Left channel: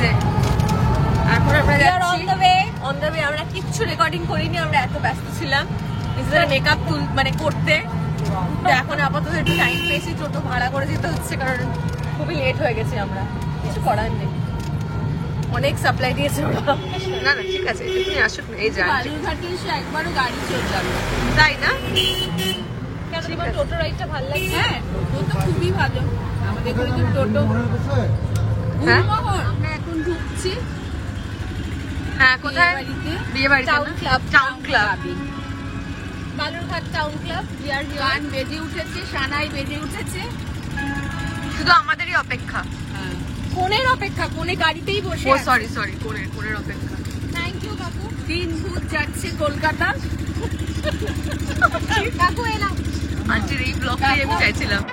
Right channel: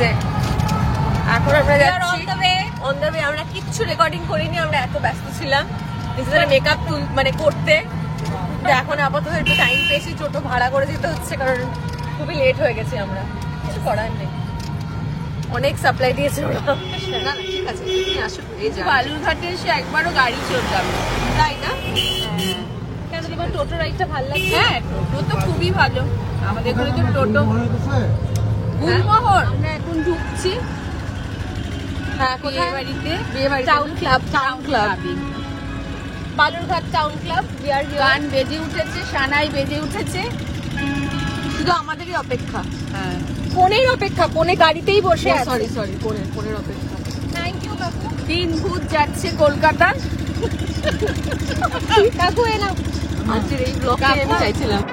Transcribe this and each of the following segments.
যে এখন আমরা যাচ্ছি অন দ্য ওয়ে। আমরা কিচ্ছু রেকর্ডিং করিনি, আমরা এত ব্যস্ত ছিলাম নিজেদের মেকআপ মানে করতে। এখন আপাতত একটু টাইম পেয়েছি, টোটো ভাড়া করে যেতে হচ্ছে কারণ খুবই লেট হয়ে গেছে। আমরা কিছু করার নেই, অনেক সাপ্লাই দিয়েছে ওরা। না না ঠিক আছে, তুমি আসো। এই যা বালুরঘাটে এসে একবারও গাড়ি চলবে তাই না? টোটো রাইডটা ভালো লাগে। হ্যাঁ টোটো তো খুবই ভালো, আমাদের এখানে তো টোটো গুলমোহর। এখন ঢুকছি। হ্যাঁ কোথায়? বিয়ে বাড়িতে টাউন ক্লাবে, বালুরঘাট টাউন ক্লাব। গান বেজে উঠেছে, সানাই বেজে উঠেছে, শুধু আমাদেরই অপেক্ষা। ফোনের অপেক্ষা, ফোনে গাড়িতেই বসে। সরি সরি, ফোনের অপেক্ষা। থ্যাংক ইউ কাকু। 3 ভূত যাচ্ছে কলকাতা। কাকু এলাম, আজকের এই ব্লগে আমি চাইছিলাম।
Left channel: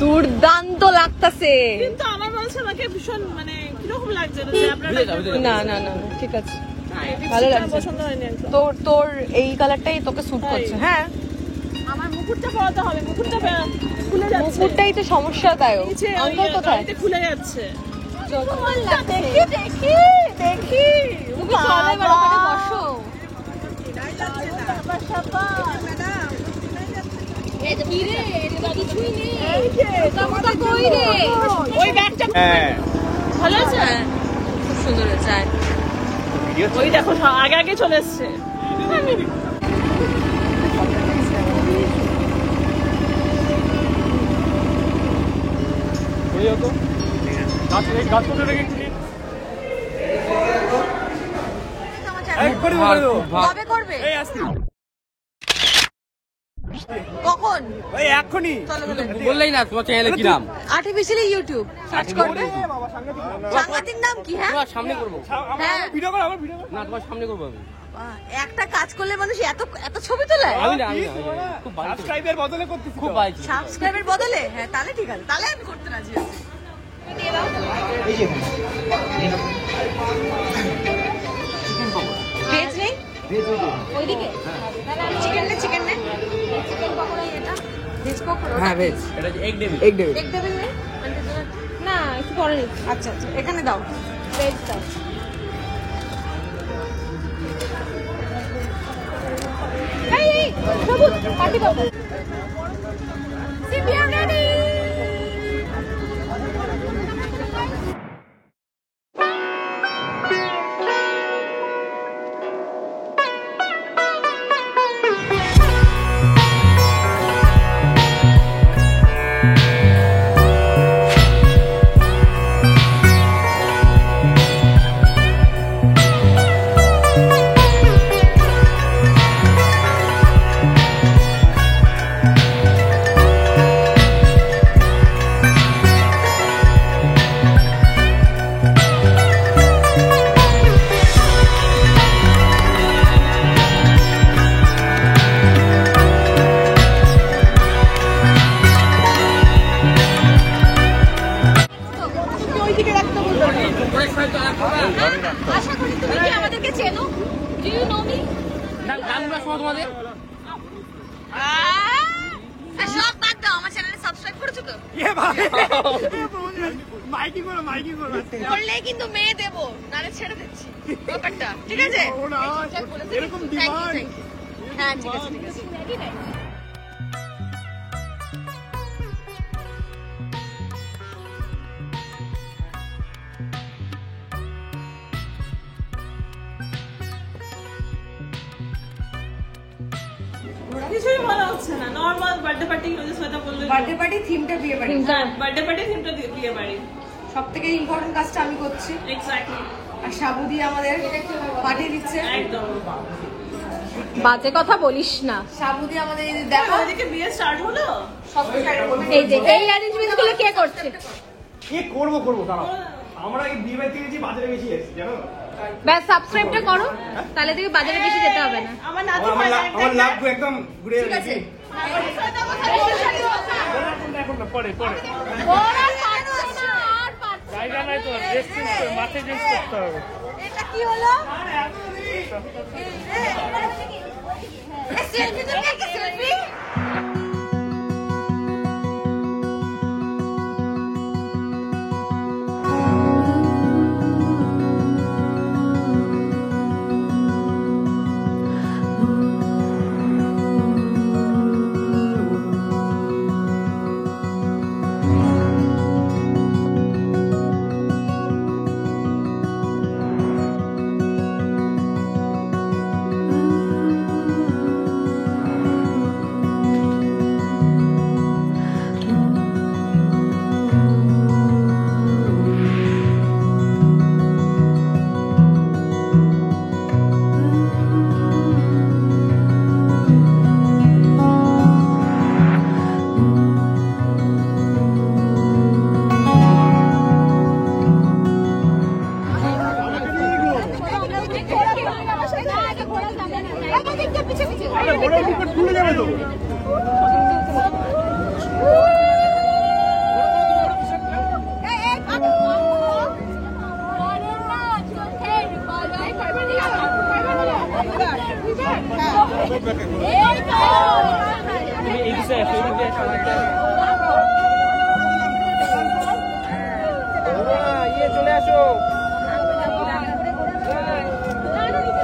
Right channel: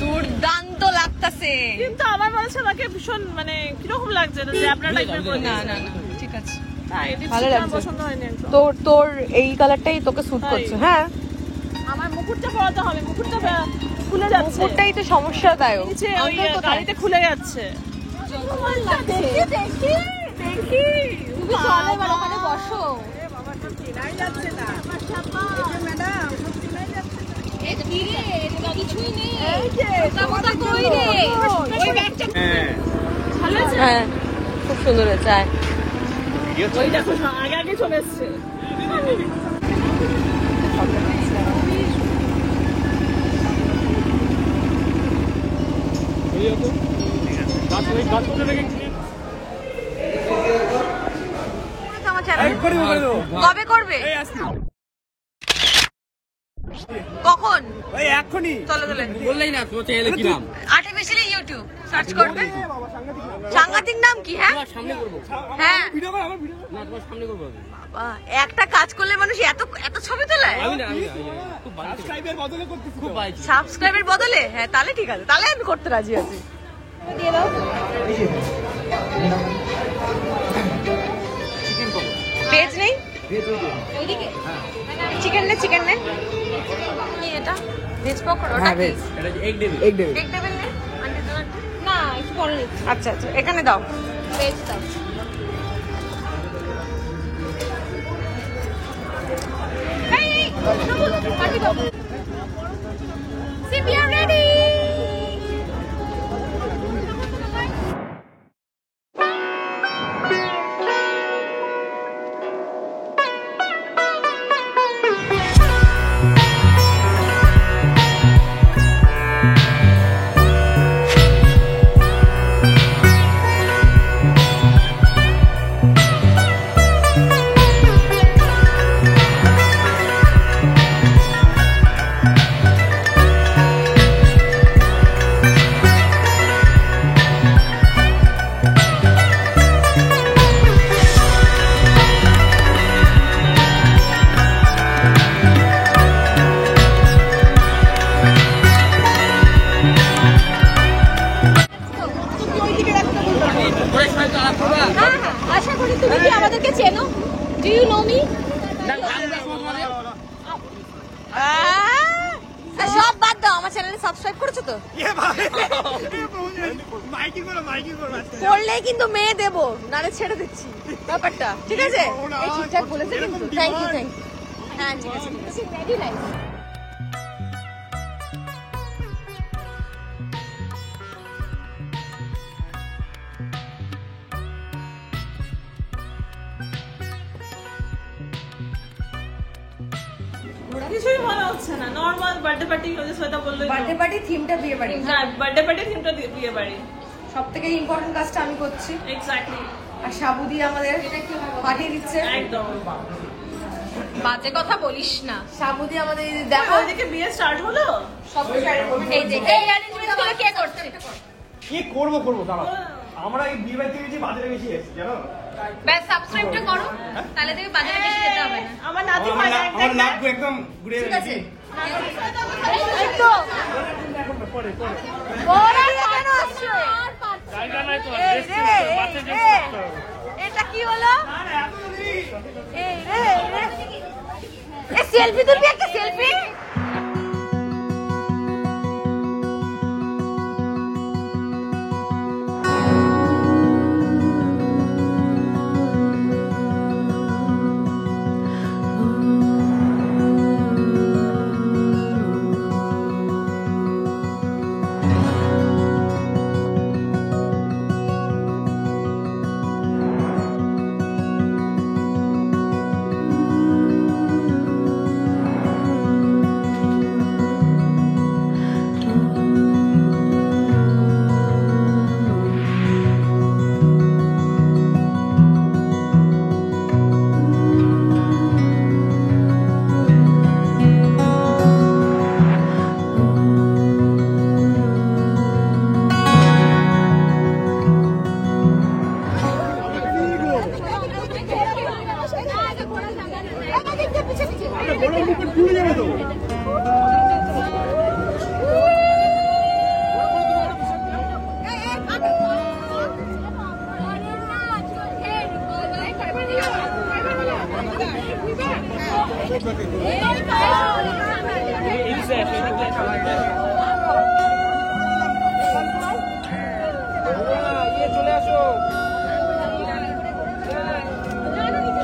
দুর্দান্ত লাগতেছে, কিন্তু আমার বলছে আমাকে ভীষণ মানে কিরকম লাগছে যে আপনার না না না ঠিক আছে, ভালো লাগছে। পছন্দ হয়নি একদম। তোর এই কালারটাই তোকে স্যুট করছে। হ্যাঁ আমার মুকুটটা পরাতে হবে, মুকুটটা খুলে যাচ্ছে। মুকুটটাই তো সমস্যা, তাই গাড়িতে খুলে যাচ্ছে। দেখি দেখি দেখি, তুমি চলে ওখানে বসো। খুব সুন্দর হয়েছে। ওই দেখো আগে আগে চলে এসছে। কবে করবে? কখন? ওই এখনই। চলো চলো, বললেই না তোমার চ্যানেলে কি নাম? আর্টিফিশিয়ালি ইউটিউব সার্চ করবে। সাংঘাতিক নাম কি? হ্যাঁ তোমার সামনে করব। হ্যাঁ ভিডিও কর, আমার ভিডিও কর না, তোমার সামনে করব। বাবা একটা কাজ করলে মানুষ এত এত ছবি তোলে। আমি খুব সাবস্ক্রাইবের বদলে করতেছি, খুব ভাই সাবস্ক্রাইবের বদলে। হ্যাঁ তাহলে ঠিক আছে, তাহলে আমি করতে রাজি আছি। দিয়ে দাও এই যে চিকেন পকোড়া। ভেজ নেই? ভেজ ওইদিকে। হ্যাঁ চিকেন নে, চিকেন নে। এটা ভেজ পকোড়া? হ্যাঁ ভেজ। এটা এগ ডেভিল। এগ ডেভিল নেই না, একটু পরে নিচ্ছি। আচ্ছা আচ্ছা এখানে দাও, ভেজ দাও। এই সবুজ কাটি দাও। সিপি আর রেডি। আশা করি তুমি কি আমাদেরকে চেনো? Do you know me? সব বাদ দাও, আমার চ্যানেলে সাবস্ক্রাইব করেছো তো? করলেই কিন্তু মেয়ে দেবো, নাহলে ছেড়ে দিচ্ছি ব্যাপারটা। ঠিক আছে? হ্যাঁ ঠিক আছে ঠিক আছে। কিছুই ভালো হচ্ছে না, নরমাল বার্থডে পার্টি। শ্বেতা বললো বার্থডে পার্টি থিমটা বিয়ে বাড়ি। হ্যাঁ বার্থডে পার্টি থিমটা বিয়ে বাড়ি। সব থেকে ইম্পর্টেন্ট কাজটা আমি করছি। এক্স্যাক্টলি। আর সাবু দিয়ে আমাদের পাঠিয়ে দিচ্ছে। একদম বাজে কথা বলিস না। সাবু দিয়ে আমাদের দেখো ওইদিকে বিয়ে স্টার্ট হলো। সব এই অ্যারেঞ্জমেন্টগুলো কে করছে? কে করবো দাঁড়াও। আমরা এই বিয়ে বাড়িতে গেছি, বাজারে গেছি জানো। ব্যাস সাবস্ক্রাইবটা করো, তাহলে তুমি বাজারে বেশি যেতে হবে না। আমার লাগবে একদম ঘুরে গেছি। পরে পরে এটা কি হলো? সেলফি তুলবি, একটা সেলফি।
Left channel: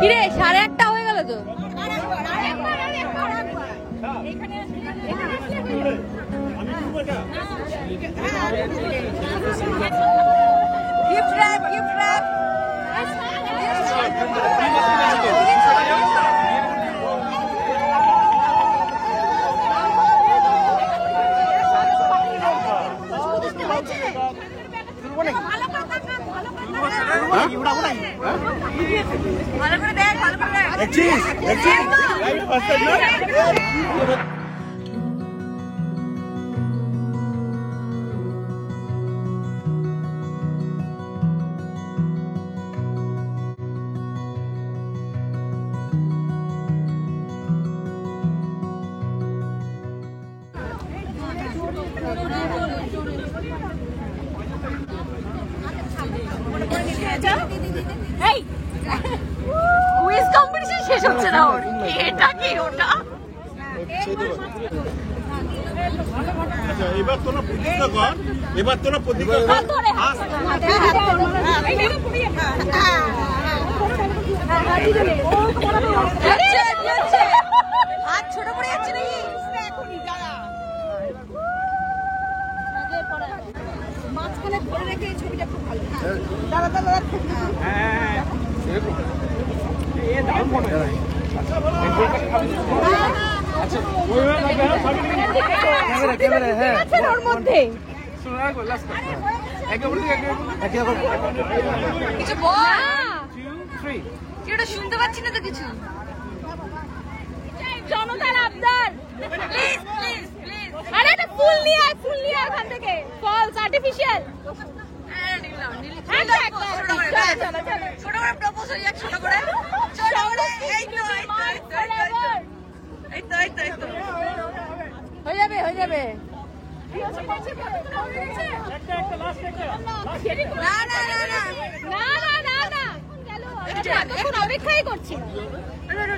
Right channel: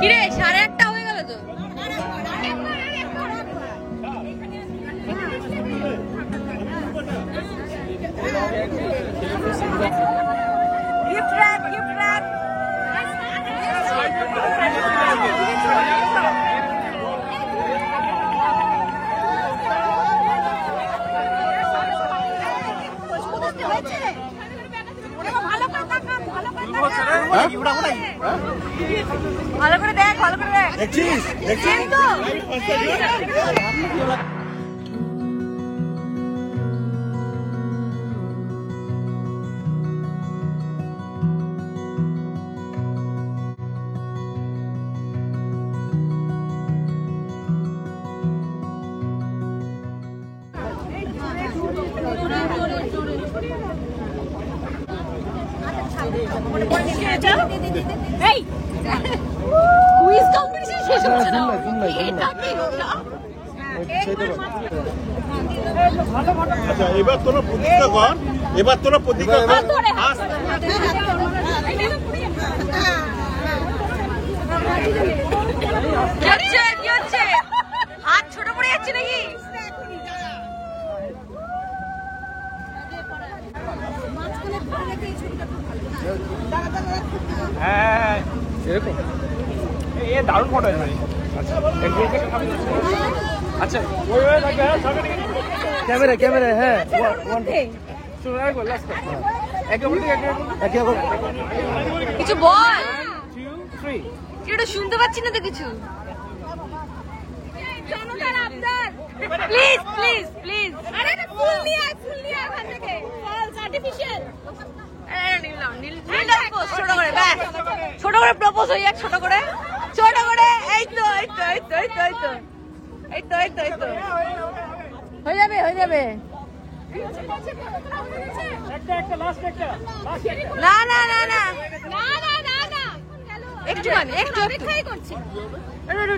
কিরে 1:30 হয়ে গেল তো। Gift wrap, gift wrap. ভালো করে দেখ, ভালো করে দেখ। দেখছিস দেখছিস তো কুইজ কম্পিটিশন শেষ হচ্ছে না ওর। এটা কি ওটা? আচ্ছা এবার তোরা প্রতিজ্ঞা কর, এবার তোরা প্রতিজ্ঞা কর। হাত ছোট পড়ে যাচ্ছে নাকি? মাঝখানে ধরে রেখে এই ছবিটা খুব ভালো। দাঁড়া দাঁড়া হ্যাঁ এই দারুণ মনে হয়। আচ্ছা ক্যামেরা ক্যামেরা হ্যাঁ ওর মধ্যে কিছু বল। এটা শুনতে পাচ্ছি না তো কিছু। জনতার আবদার, প্লিজ প্লিজ প্লিজ। আরে এটা ফুল নিয়ে আয়, ফুল নিয়ে আয় ওখান থেকে। False artificial. নিলাম ছোট করে, ব্যাস ছোট করে প্রপোজ হয়ে যাক, ছোট করে ছোট করে। এই তো এই তো এই তো এই তো এই তো এই তো এই তো হয়ে যাবে হয়ে যাবে। না না না না না না না একটু আমি একটু অপেক্ষাই করছি।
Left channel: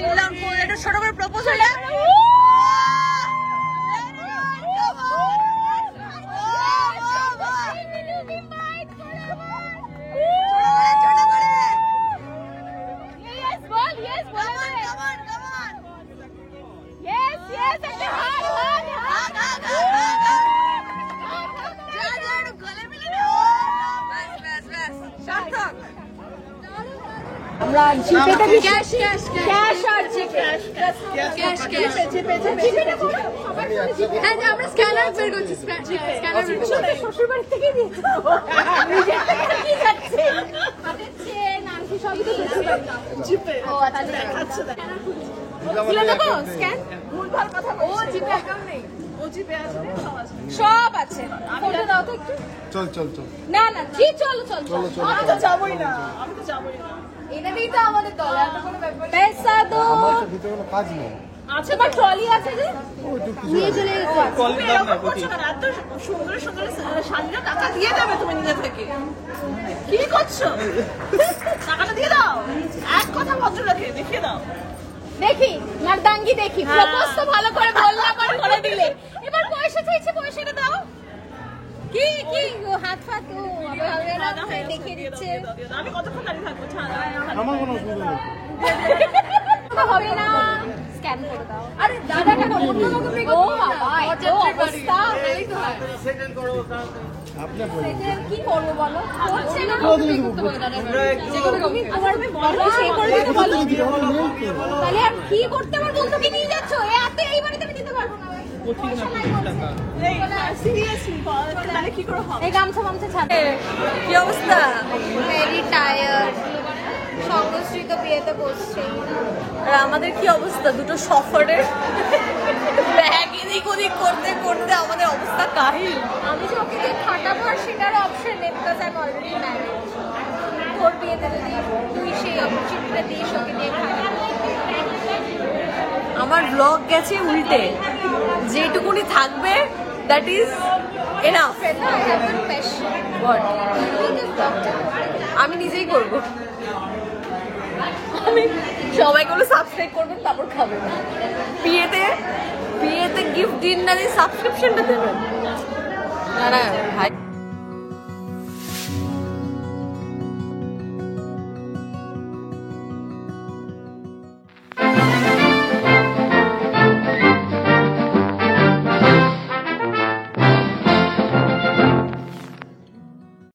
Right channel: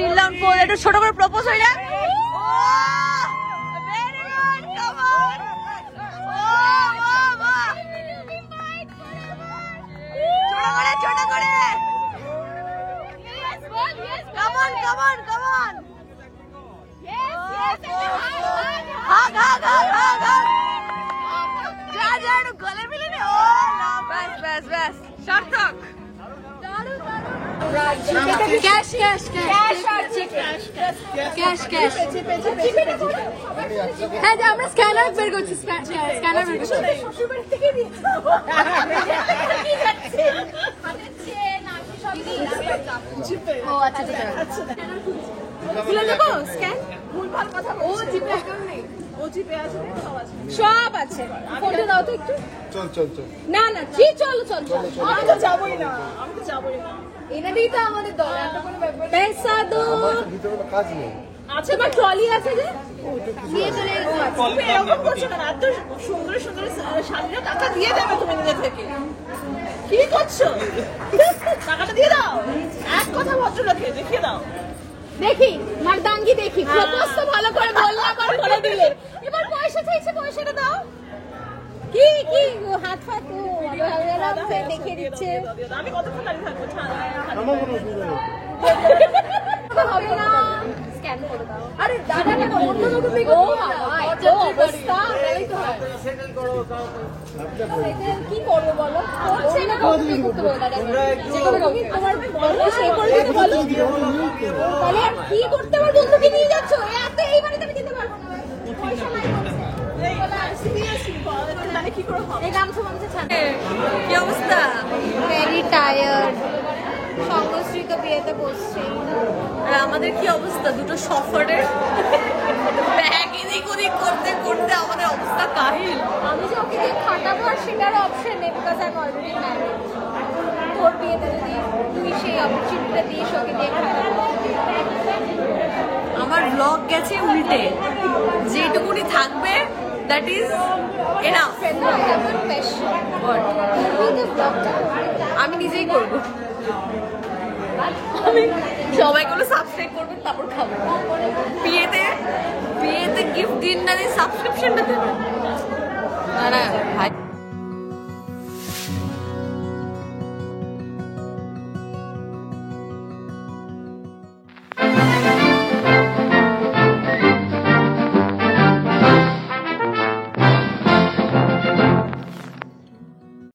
নিলাম একটু ছোট করে প্রপোজ হয়ে যাক। ছোট করে come on come on come on yes yes hug hug hug hug hug যা যা একটু গলে মিলে নে। ও না বাস বাস বাস সার্থক। আমরা জিপেতে cash cash cash cash cash cash হ্যাঁ আমরা স্ক্যানার বের করছি। স্ক্যানার শ্বশুর বাড়ি থেকে দিচ্ছি। তুলে দেবো স্ক্যান? ভুলভাল কথা ও বলছে। জিপে অ্যাকাউন্ট নেই। ও জিপে আছে রে, সব আছে। সব আছে। ফটো দাও তো একটু। চল চল চল না না জি চলো চলো চলো। আমি তো যাবোই না, আমি তো যাবোই না। এনাদেরই তো আমাদের দল, এত কোনো ব্যাপার পেশা দো। আমার ভিতরে কোনো কাজ নেই আছে তোমার ট্রলি আছে যে ওই তো কিছু নিয়ে আছে। চলে যেতে আছে। তুমি এরকম করছো কেন? এত সুন্দর সুন্দর শাড়িটা টাকা দিয়ে দেবে তুমি নিজে থেকে। কি করছো? টাকাটা দিয়ে দাও। এক কথা ভদ্রলোকে দেখিয়ে দাও। দেখি মারদাঙ্গি দেখি। হ্যাঁ। প্রপোজ তো ভালো করে বললে আবার করে দিলে। এবার পয়সা চাইছে, পয়সাটা দাও। কি কি ও হাত ফাত ও আবার হবে না দেখিয়ে দিচ্ছে। আমি কতক্ষণ দাঁড়িয়ে থাকবো? আমার কোনো অসুবিধা নেই হবে না স্ক্যান করে দাও। আরে দাদাটা অন্য মতো দেখো। ও বাবা এত অবস্থা তাই তো হয়। আপনার বলি সেটা কি করবো বলো? করছে না করতে বলো না। যেগুলো তুমি তোমার বলো সেই করে দিতে বলো। তাহলে আর কি করতে আমার বন্ধুকে নিয়ে যাচ্ছ? এত এই বাড়িতে আমি যেতে পারবো না। পয়সা নাই বলছে। তাহলে কি করে হবে? এই গামছা মামছা ছাড়ে। কি অবস্থা? Very tired. সংশ্রী তো বিয়েতে বসছে। আর আমাদের কি অবস্থা? দুটো সফরের ব্যাগ এদিক ওদিক করতে করতে আমাদের অবস্থা কাহিল। আমি যে ওকে খাটাবো আর সেটার অপশন নেই, because I am already married. তোর বিয়েতে যদি তুই সেই অপরচুনিটিটা দিস ওকে নিয়ে খাটাবো। আমার ব্লগ গেছে উল্টে, যেটুকুনি থাকবে দ্যাট ইজ এনাফ। আমি নিজেই করব। আমি সবাইগুলো সাবস্ক্রাইব করবেন, তারপর খাবেন। বিয়েতে বিয়েতে গিফট দিন না দিয়ে সাবস্ক্রিপশনটা দেবেন। না না ভাই